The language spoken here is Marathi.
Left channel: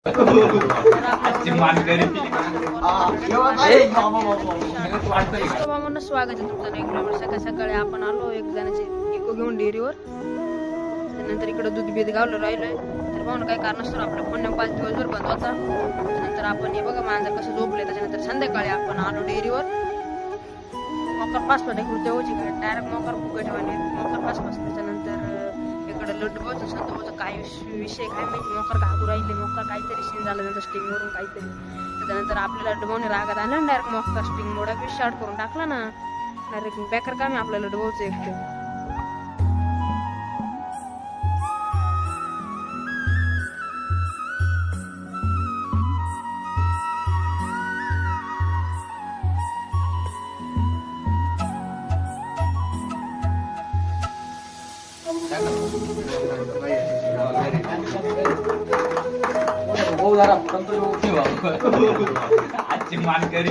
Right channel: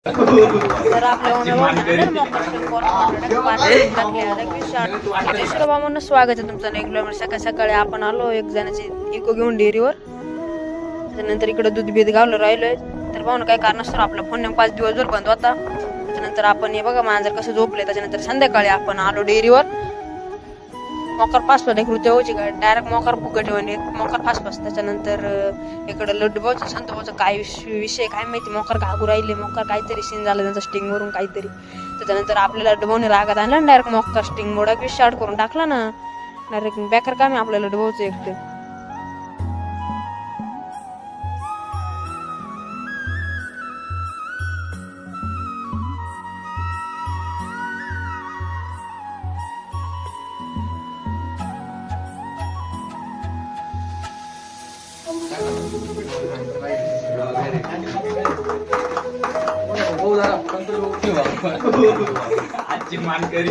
स्वागत आहे तुमचं रेग्युलर. सकाळी सकाळी आपण आलो एक जणाची इको घेऊन डेअरीवर. त्यानंतर इकडे दूध बीध गावलं राहिलोय. तर पाहून काही कारण असतं आपला फोन 5 दिवस जर बंद होता. त्यानंतर आपण हे बघा मांजर कसं झोपले. त्याच्यानंतर संध्याकाळी आपण आलो डेअरीवर. मोकर फास्ट इकडे तेवढी गाडी डायरेक्ट मोकर फुकट मोकर फास्ट. त्याच्यानंतर इकडं लड्डू भाऊचं संत भाऊचं काय विषय काय माहिती. मोकर घागू राहिले. मोकर काहीतरी सीन झालं त्यांचा स्टिंग वरून काहीतरी. त्याच्यानंतर आपल्याला लड्डू भाऊने रागात आणला डायरेक्ट मोकर स्टिंग मोडा शॉर्ट करून टाकला ना. डायरेक्ट बॅकर काम आहे आपल्याला लड्डू भाऊचं एकटं. आजची मानकरी